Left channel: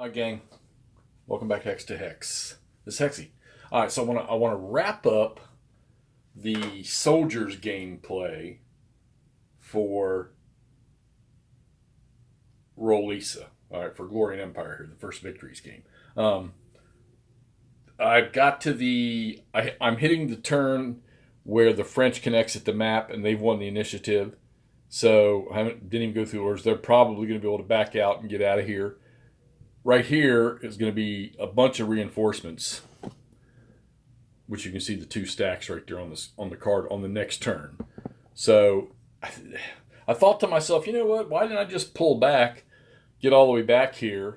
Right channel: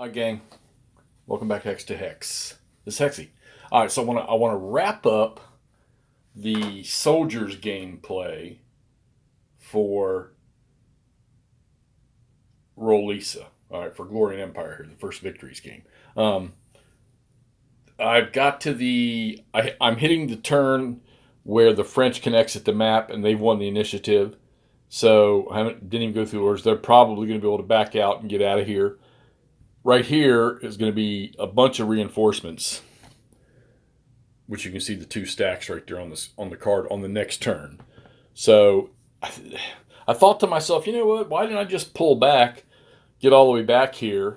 Hi, gang. Welcome back to Hex to Hex. This is Hexy. All right, so I want to wrap up the soldiers gameplay for Rolica. All right, for Glory and Empire here, the first victories game. Um, I've got to I'm hitting the turn where the French can exit the map and they've won the initiative. So didn't even go through orders. They're probably going to be able to back out and get out of here. Right here is going to be a bunch of reinforcements, which you can see the two stacks right there on the card on the next turn. So I thought to myself, you know what? Why didn't I just pull back, get all the way back here,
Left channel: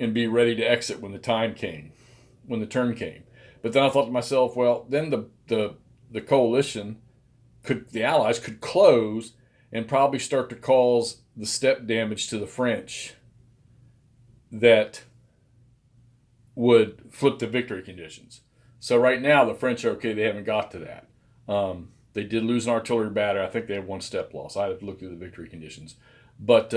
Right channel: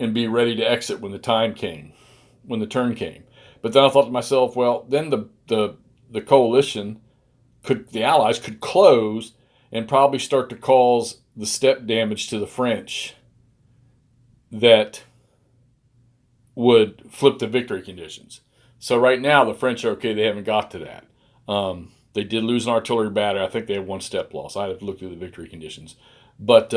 and be ready to exit when the turn came? But then I thought to myself, well, then the coalition the Allies could close and probably start to cause the step damage to the French that would flip the victory conditions. So right now the French are okay. They haven't got to that. They did lose an artillery battery. I think they have one step loss. I have to look through the victory conditions. But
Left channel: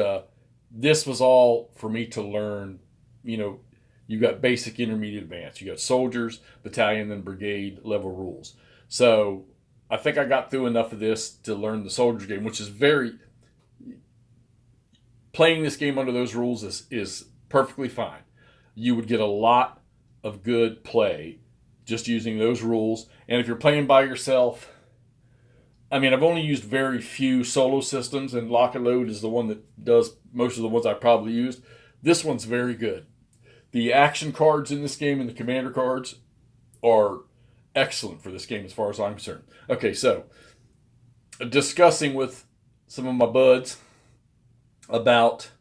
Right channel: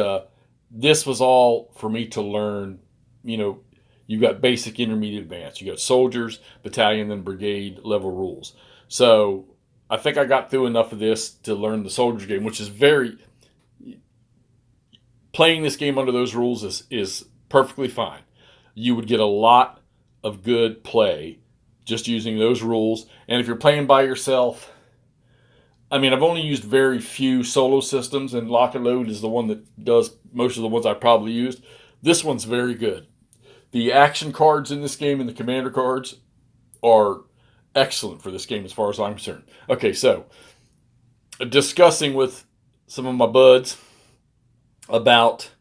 this was all for me to learn. You know, you got basic, intermediate, advanced. You got soldiers, battalion, then brigade level rules. So I think I got through enough of this to learn the soldiers game, which is playing this game under those rules is perfectly fine. You would get a lot of good play just using those rules. And if you're playing by yourself, I mean, I've only used very few solo systems, and Lock and Load is the one that does most of the ones I probably used. This one's very good. The action cards in this game and the commander cards are excellent for this game as far as I'm concerned. Okay, so discussing with some of my buds about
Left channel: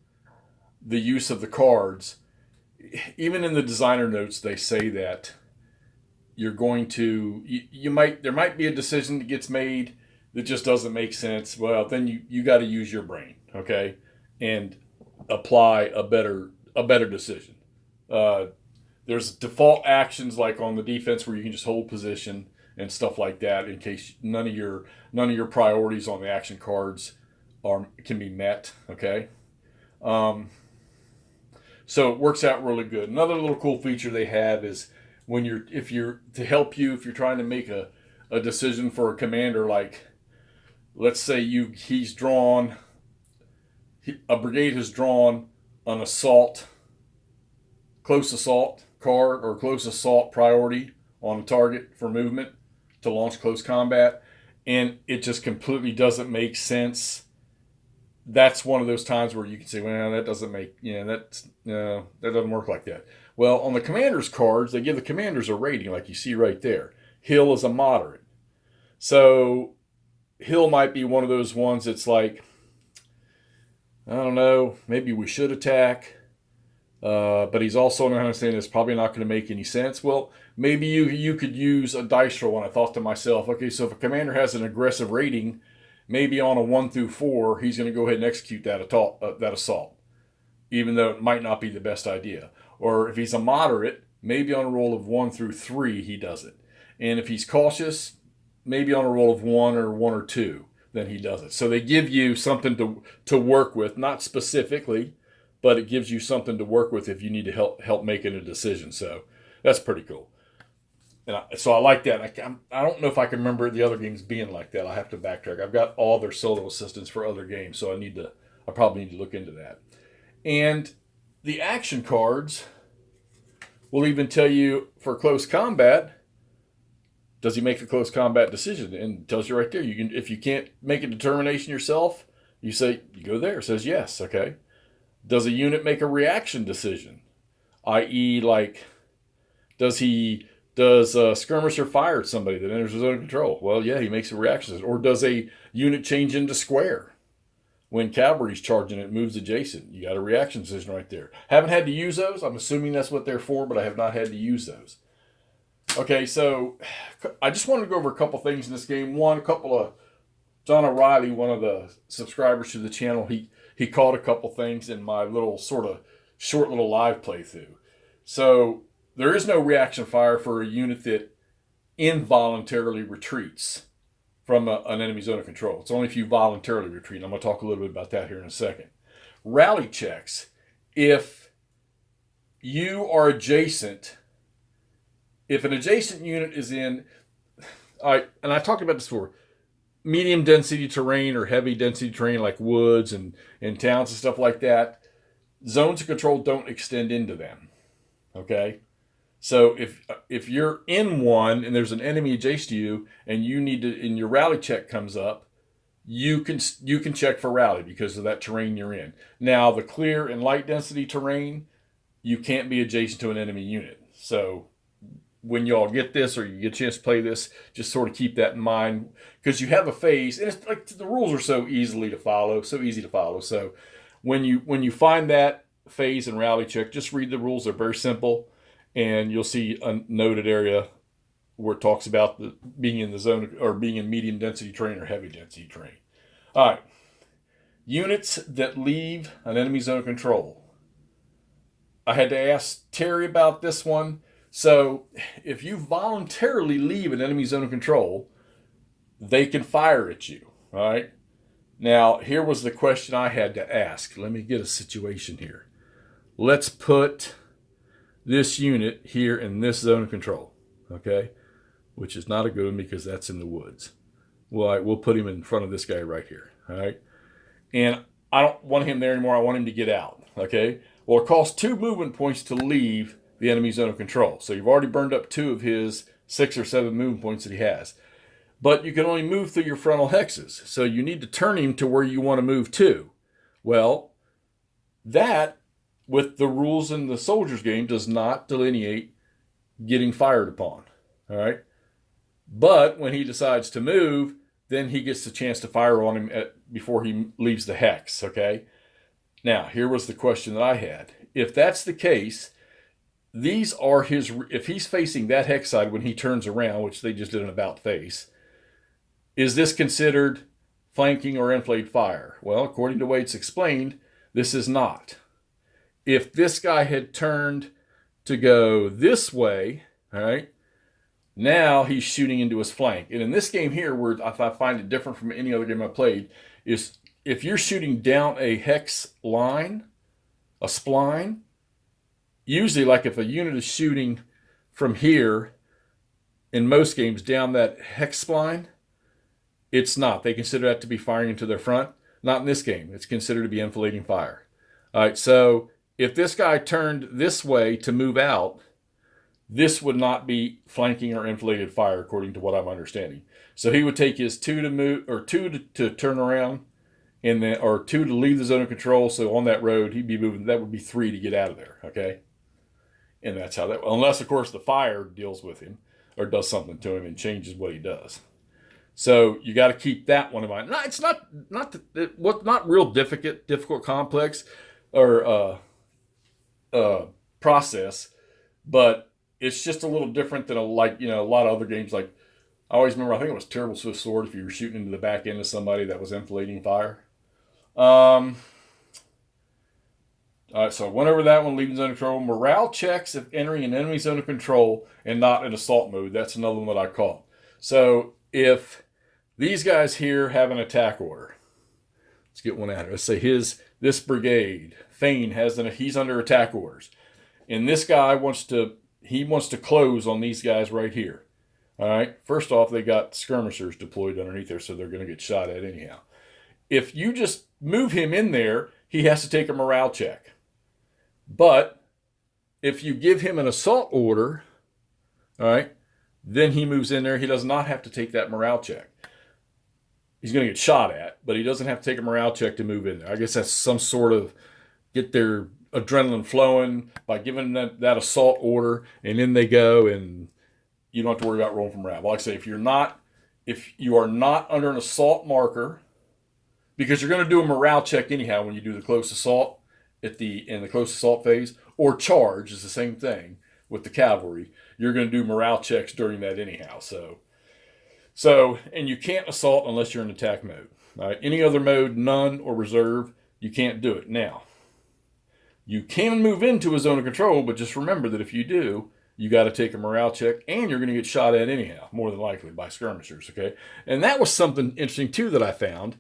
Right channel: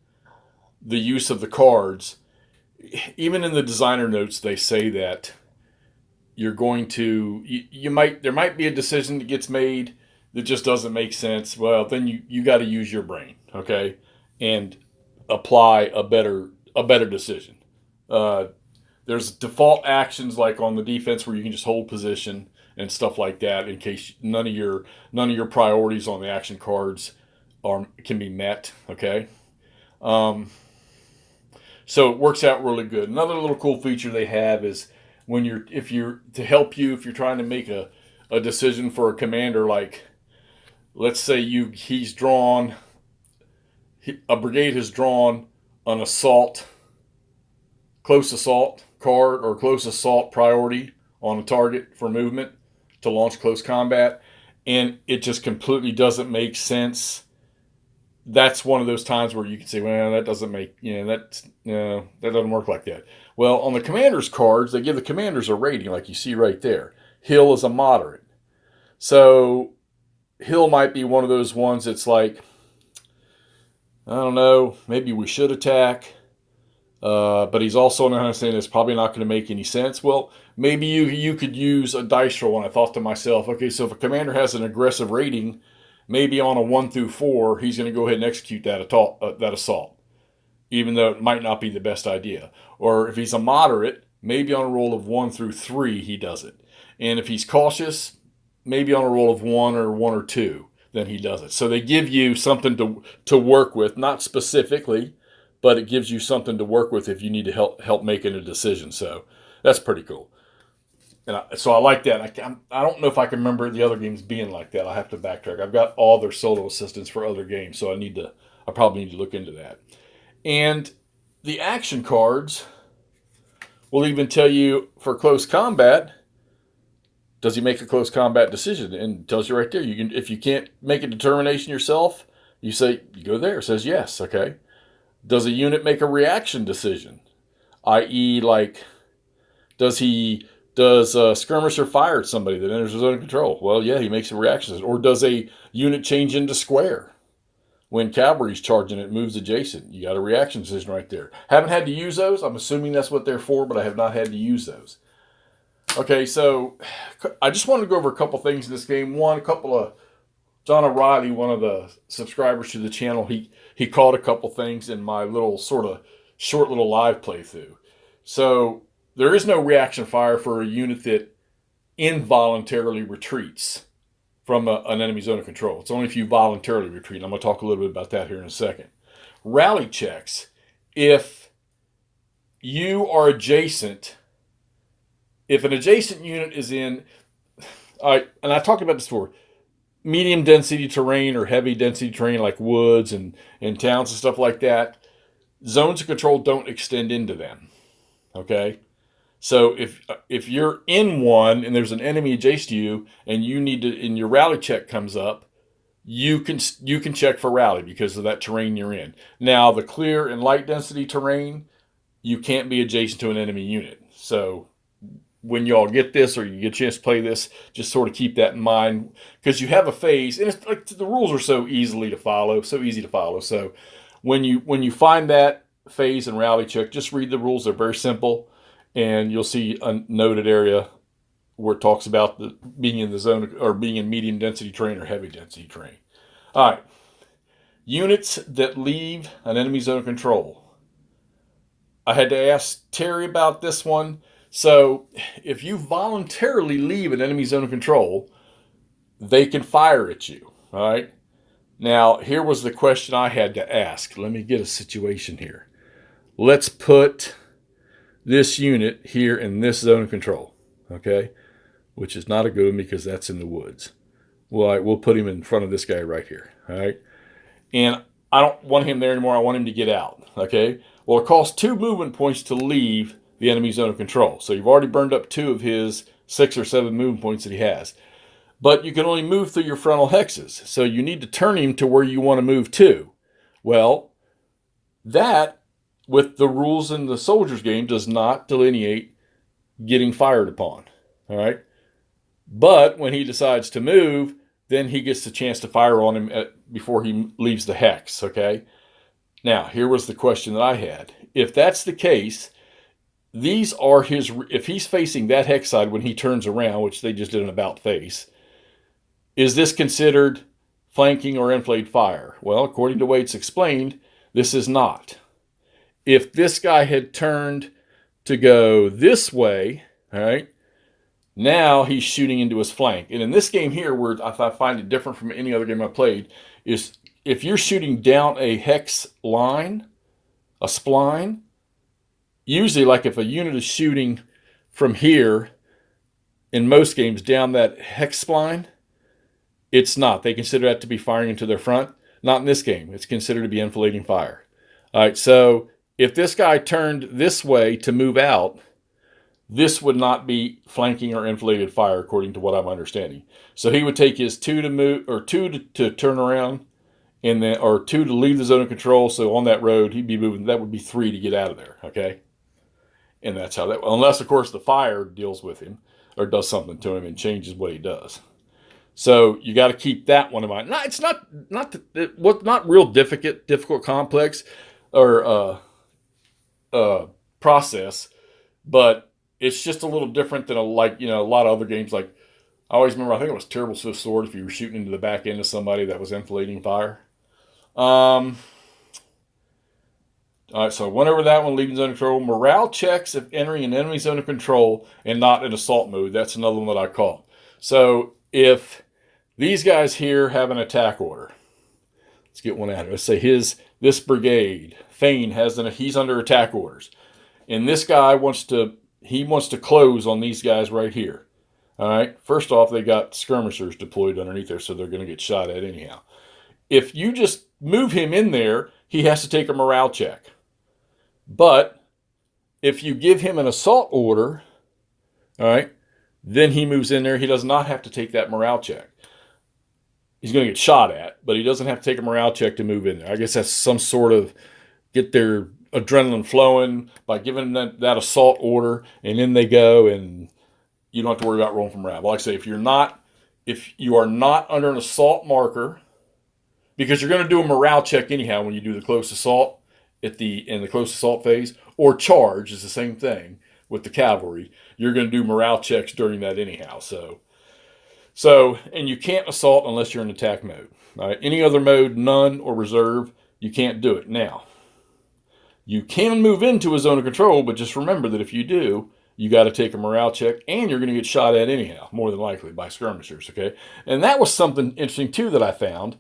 the use of the cards, even in the designer notes, they say that you're going to there might be a decision that gets made that just doesn't make sense. Well, then you got to use your brain, okay, and apply a better decision. There's default actions like on the defense where you can just hold position and stuff like that in case none of your priorities on the action cards can be met. Okay. So it works out really good. Another little cool feature they have is if you're trying to make a decision for a commander, like let's say a brigade has drawn an close assault card or close assault priority on a target for movement to launch close combat, and it just completely doesn't make sense. That's one of those times where you can say, well, that doesn't make, that doesn't work like that. Well, on the commander's cards, they give the commanders a rating like you see right there. Hill is a moderate. So Hill might be one of those ones that's like, I don't know, maybe we should attack, but he's also not understanding it's probably not going to make any sense. Well, maybe you could use a dice roll, and I thought to myself, okay, so if a commander has an aggressive rating, maybe on a 1 through 4, he's going to go ahead and execute that assault, even though it might not be the best idea. Or if he's a moderate, maybe on a roll of 1 through 3, he does it. And if he's cautious, maybe on a roll of 1 or 2, then he does it. So they give you something to work with, not specifically, but it gives you something to work with if you need to help making a decision. So that's pretty cool. And so I like that. I don't know if I can remember the other games being like that. I have to backtrack. I've got all their solo assistants for other games, so I probably need to look into that. And the action cards will even tell you for close combat, does he make a close combat decision? And it tells you right there. If you can't make a determination yourself, you go there. It says yes. Okay. Does a unit make a reaction decision? I.e., like, does a skirmisher fire at somebody that enters his own control? Well, yeah, he makes a reaction. Or does a unit change into square? When cavalry's charging, it moves adjacent. You got a reaction decision right there. Haven't had to use those. I'm assuming that's what they're for, but I have not had to use those. Okay, so I just wanted to go over a couple things in this game. One, John O'Reilly, one of the subscribers to the channel, he caught a couple things in my little sort of short little live playthrough. So there is no reaction fire for a unit that involuntarily retreats from an enemy zone of control. It's only if you voluntarily retreat. I'm going to talk a little bit about that here in a second. Rally checks. If you are adjacent, if an adjacent unit is in, all right, and I talked about this before, medium density terrain or heavy density terrain like woods and towns and stuff like that, zones of control don't extend into them. Okay? So if you're in one and there's an enemy adjacent to you and you need to, and your rally check comes up, you can check for rally because of that terrain you're in. Now the clear and light density terrain, you can't be adjacent to an enemy unit. So when y'all get this or you get a chance to play this, just sort of keep that in mind because you have a phase, and it's like the rules are so easy to follow. So when you find that phase and rally check, just read the rules. They're very simple, and you'll see a noted area where it talks about being in the zone or being in medium density terrain or heavy density terrain. All right, units that leave an enemy zone of control. I had to ask Terry about this one. So if you voluntarily leave an enemy zone of control, they can fire at you. All right. Now, here was the question I had to ask. Let me get a situation here. Let's put this unit here in this zone of control. Okay. Which is not a good one because that's in the woods. Well, we'll put him in front of this guy right here. All right. And I don't want him there anymore. I want him to get out. Okay. Well, it costs 2 movement points to leave the enemy zone of control. So you've already burned up 2 of his 6 or 7 movement points that he has. But you can only move through your frontal hexes. So you need to turn him to where you want to move to. Well, that, with the rules in the soldiers game, does not delineate getting fired upon. All right. But when he decides to move, then he gets the chance to fire on him before he leaves the hex. Okay. Now, here was the question that I had. If that's the case, these are his, if he's facing that hex side when he turns around, which they just did an about face, is this considered flanking or enfilade fire? Well, according to Wade's explained, this is not. If this guy had turned to go this way, all right, now he's shooting into his flank. And in this game here, where I find it different from any other game I played, is if you're shooting down a hex line, a spline, usually like if a unit is shooting from here, in most games down that hex spline, it's not. They consider that to be firing into their front. Not in this game. It's considered to be enfilading fire. All right, so if this guy turned this way to move out, this would not be flanking or enfiladed fire, according to what I'm understanding. So he would take his 2 to move, or 2 to turn around, and then, or 2 to leave the zone of control. So on that road, he'd be moving. That would be 3 to get out of there. Okay, and that's how that. Unless, of course, the fire deals with him or does something to him and changes what he does. So you got to keep that one in mind. No, it's not real difficult, complex, or process, but it's just a little different than a lot of other games. Like I always remember, I think it was Terrible Swift Sword. If you were shooting into the back end of somebody that was enfilading fire. All right, so I went over that one, leaving zone of control. Morale checks if entering an enemy zone of control and not in assault mode. That's another one that I caught. So if these guys here have an attack order, let's get one out of it. Let's say this brigade, Thane, he's under attack orders, and this guy wants to close on these guys right here. All right. First off, they got skirmishers deployed underneath there, so they're going to get shot at anyhow. If you just move him in there, he has to take a morale check. But if you give him an assault order, all right, then he moves in there. He does not have to take that morale check. He's going to get shot at, but he doesn't have to take a morale check to move in there. I guess that's some sort of get their adrenaline flowing by giving them that assault order, and then they go, and you don't have to worry about rolling from morale. But like I say, if you are not under an assault marker, because you're going to do a morale check anyhow when you do the close assault in the close assault phase, or charge is the same thing with the cavalry. You're going to do morale checks during that anyhow. So, and you can't assault unless you're in attack mode. All right? Any other mode, none or reserve, you can't do it. Now, you can move into a zone of control, but just remember that if you do, you got to take a morale check, and you're going to get shot at anyhow, more than likely by skirmishers. Okay, and that was something interesting too that I found,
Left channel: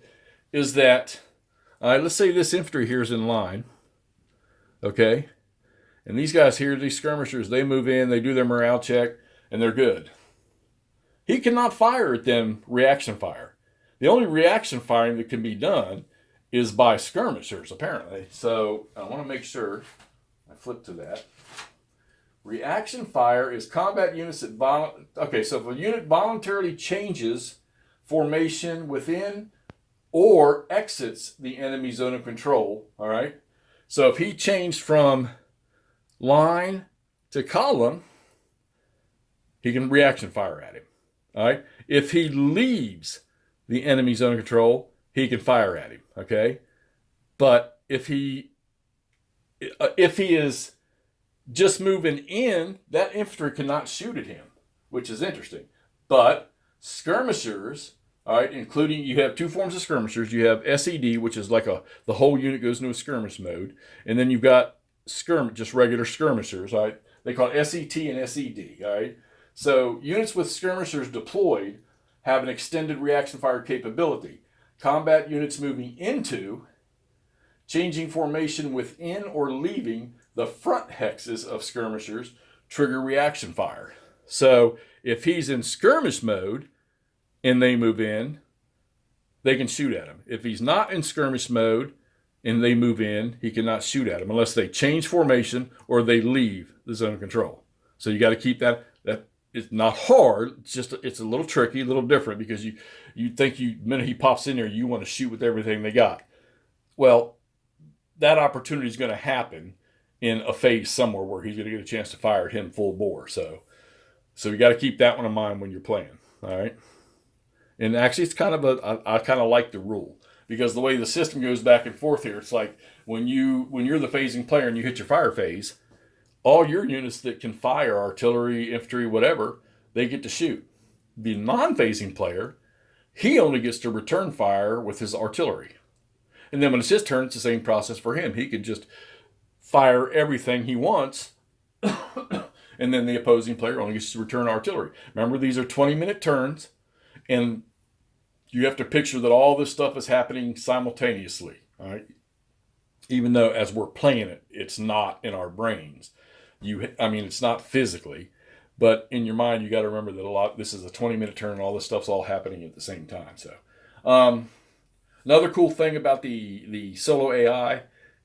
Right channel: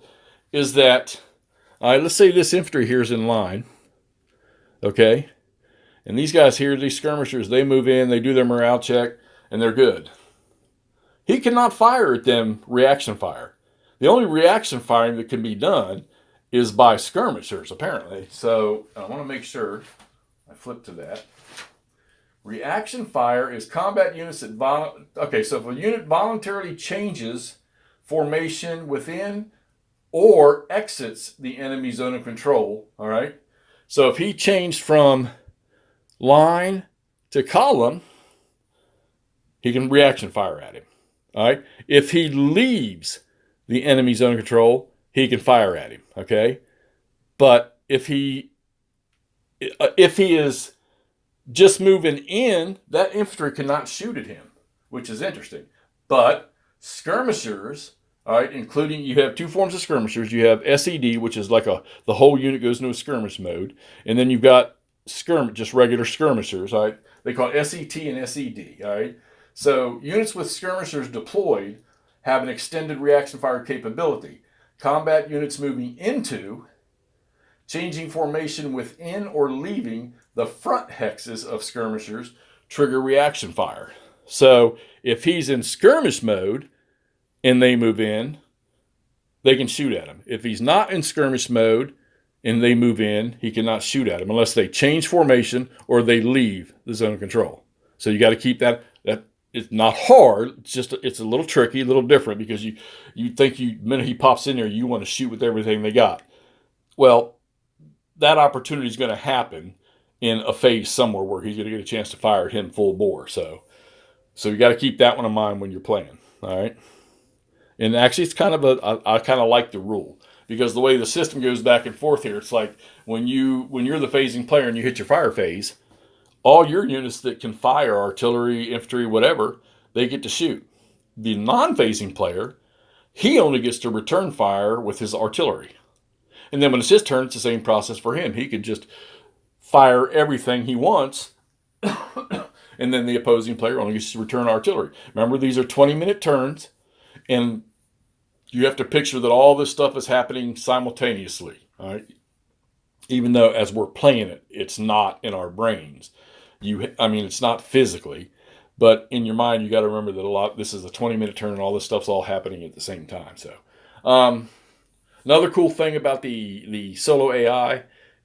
is that let's say this infantry here is in line, okay, And these guys here, these skirmishers, they move in, they do their morale check, and they're good. He cannot fire at them reaction fire. The only reaction firing that can be done is by skirmishers, apparently. So I want to make sure I flip to that. Reaction fire is combat units that okay, so if a unit voluntarily changes formation within or exits the enemy zone of control, all right? So if he changed from line to column, he can reaction fire at him, all right? If he leaves the enemy zone of control, he can fire at him, okay? But if he is just moving in, that infantry cannot shoot at him, which is interesting. But skirmishers, all right, including, you have two forms of skirmishers. You have SED, which is like the whole unit goes into a skirmish mode, and then you've got just regular skirmishers, all right? They call it SET and SED, all right? So units with skirmishers deployed have an extended reaction fire capability. Combat units moving into, changing formation within, or leaving the front hexes of skirmishers trigger reaction fire. So if he's in skirmish mode and they move in, they can shoot at him. If he's not in skirmish mode and they move in, he cannot shoot at him unless they change formation or they leave the zone of control. So you got to keep that. It's not hard. It's a little tricky, a little different, because you think the minute he pops in there, you want to shoot with everything they got. Well, that opportunity is going to happen in a phase somewhere where he's going to get a chance to fire at him full bore. So you got to keep that one in mind when you're playing. All right. And actually, it's kind of I kind of like the rule, because the way the system goes back and forth here, it's like when you're the phasing player and you hit your fire phase, all your units that can fire, artillery, infantry, whatever, they get to shoot. The non-phasing player, he only gets to return fire with his artillery. And then when it's his turn, it's the same process for him. He can just fire everything he wants, and then the opposing player only gets to return artillery. Remember, these are 20-minute turns, and you have to picture that all this stuff is happening simultaneously, all right? Even though as we're playing it, it's not in our brains. It's not physically, but in your mind, you got to remember that this is a 20-minute turn and all this stuff's all happening at the same time. So, another cool thing about the solo AI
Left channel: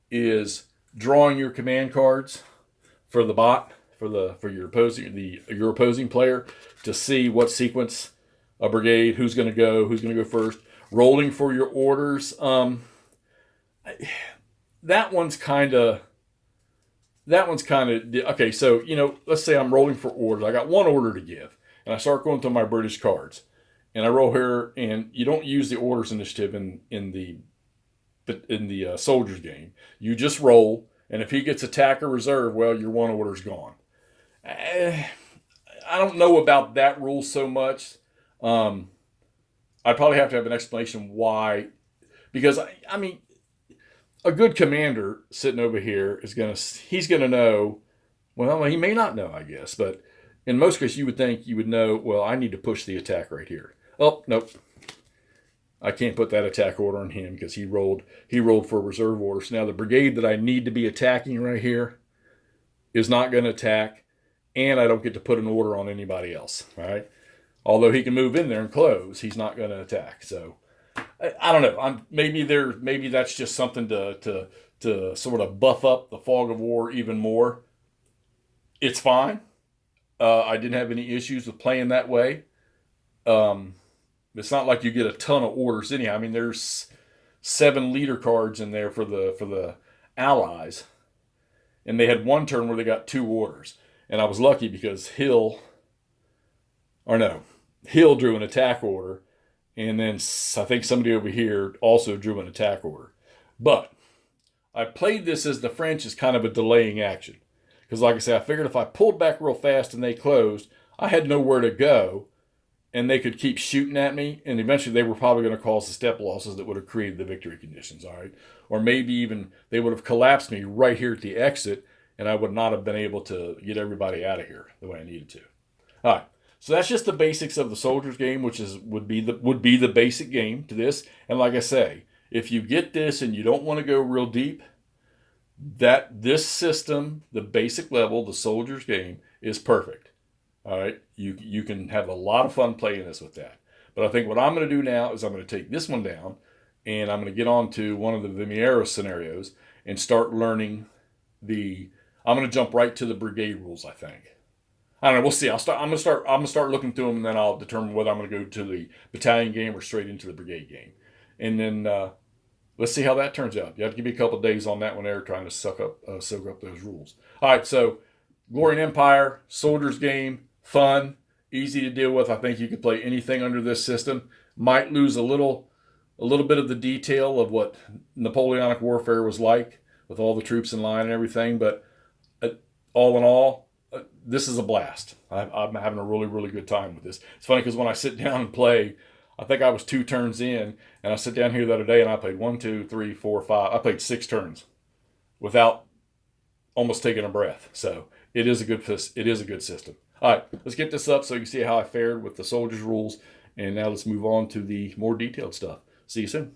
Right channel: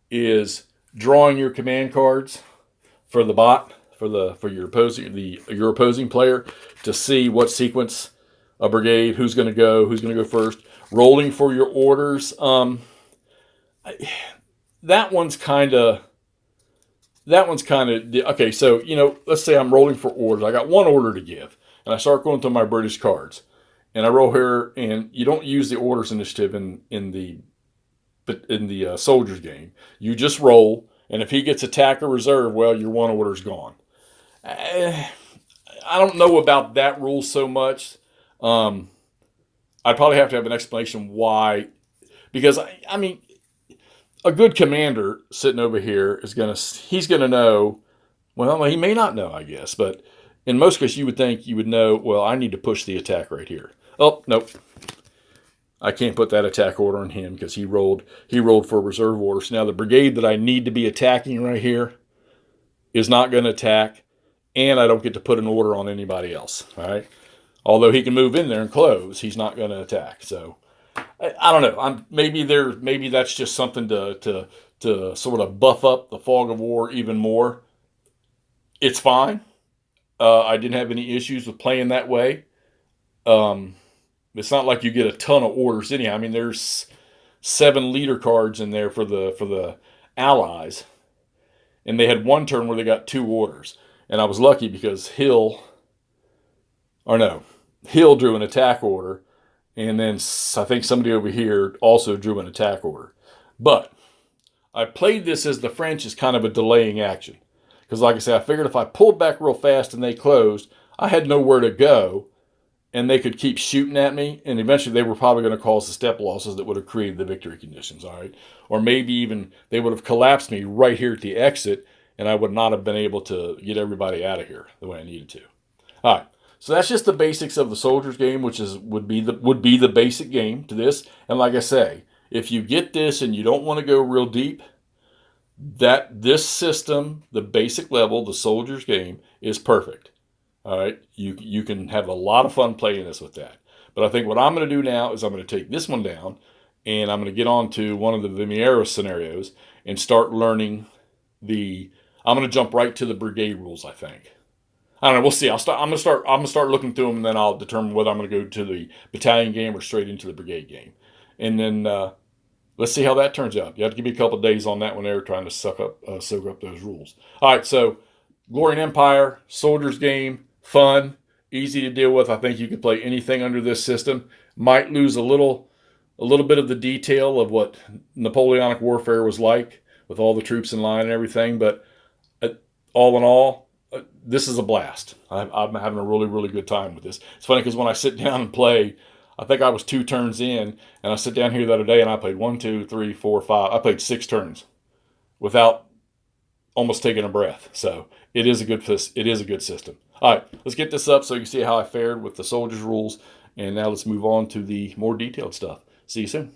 is drawing your command cards for the bot, for your opposing player, to see what sequence a brigade, who's going to go first, rolling for your orders. That one's kind of okay. So, let's say I'm rolling for orders. I got one order to give, and I start going through my British cards, and I roll here. And you don't use the orders initiative in the soldiers game. You just roll, and if he gets attack or reserve, well, your one order's gone. I don't know about that rule so much. I'd probably have to have an explanation why, because a good commander sitting over here he's gonna know. Well, he may not know, I guess, but in most cases, you would think you would know. Well, I need to push the attack right here. Oh, nope, I can't put that attack order on him because he rolled for reserve order. So now the brigade that I need to be attacking right here is not going to attack, and I don't get to put an order on anybody else. All right, although he can move in there and close, he's not going to attack. So I don't know. Maybe that's just something to sort of buff up the fog of war even more. It's fine. I didn't have any issues with playing that way. It's not like you get a ton of orders anyhow. There's 7 leader cards in there for the allies, and they had one turn where they got 2 orders, and I was lucky because Hill drew an attack order. And then I think somebody over here also drew an attack order. But I played this as the French as kind of a delaying action. Because like I said, I figured if I pulled back real fast and they closed, I had nowhere to go. And they could keep shooting at me. And eventually they were probably going to cause the step losses that would have created the victory conditions, all right? Or maybe even they would have collapsed me right here at the exit, and I would not have been able to get everybody out of here the way I needed to. All right. So that's just the basics of the soldiers game, which would be the basic game to this. And like I say, if you get this and you don't want to go real deep, This system, the basic level, the soldier's game, is perfect. All right, you can have a lot of fun playing this with that. But I think what I'm going to do now is I'm going to take this one down, and I'm going to get on to one of the Vimero scenarios and start learning the. I'm going to jump right to the brigade rules. I think. I don't know. We'll see. I'm gonna start looking through them, and then I'll determine whether I'm going to go to the battalion game or straight into the brigade game, and then let's see how that turns out. You have to give me a couple of days on that one there, trying to soak up those rules. All right, so Glory and Empire, Soldier's Game, fun, easy to deal with. I think you could play anything under this system. Might lose a little bit of the detail of what Napoleonic warfare was like with all the troops in line and everything, but all in all, this is a blast. I'm having a really, really good time with this. It's funny because when I sit down and play, I think I was 2 turns in, and I sit down here the other day and I played 1, 2, 3, 4, 5. I played 6 turns without almost taking a breath. So it is a good system. All right, let's get this up so you can see how I fared with the soldiers rules, and now let's move on to the more detailed stuff. See you soon.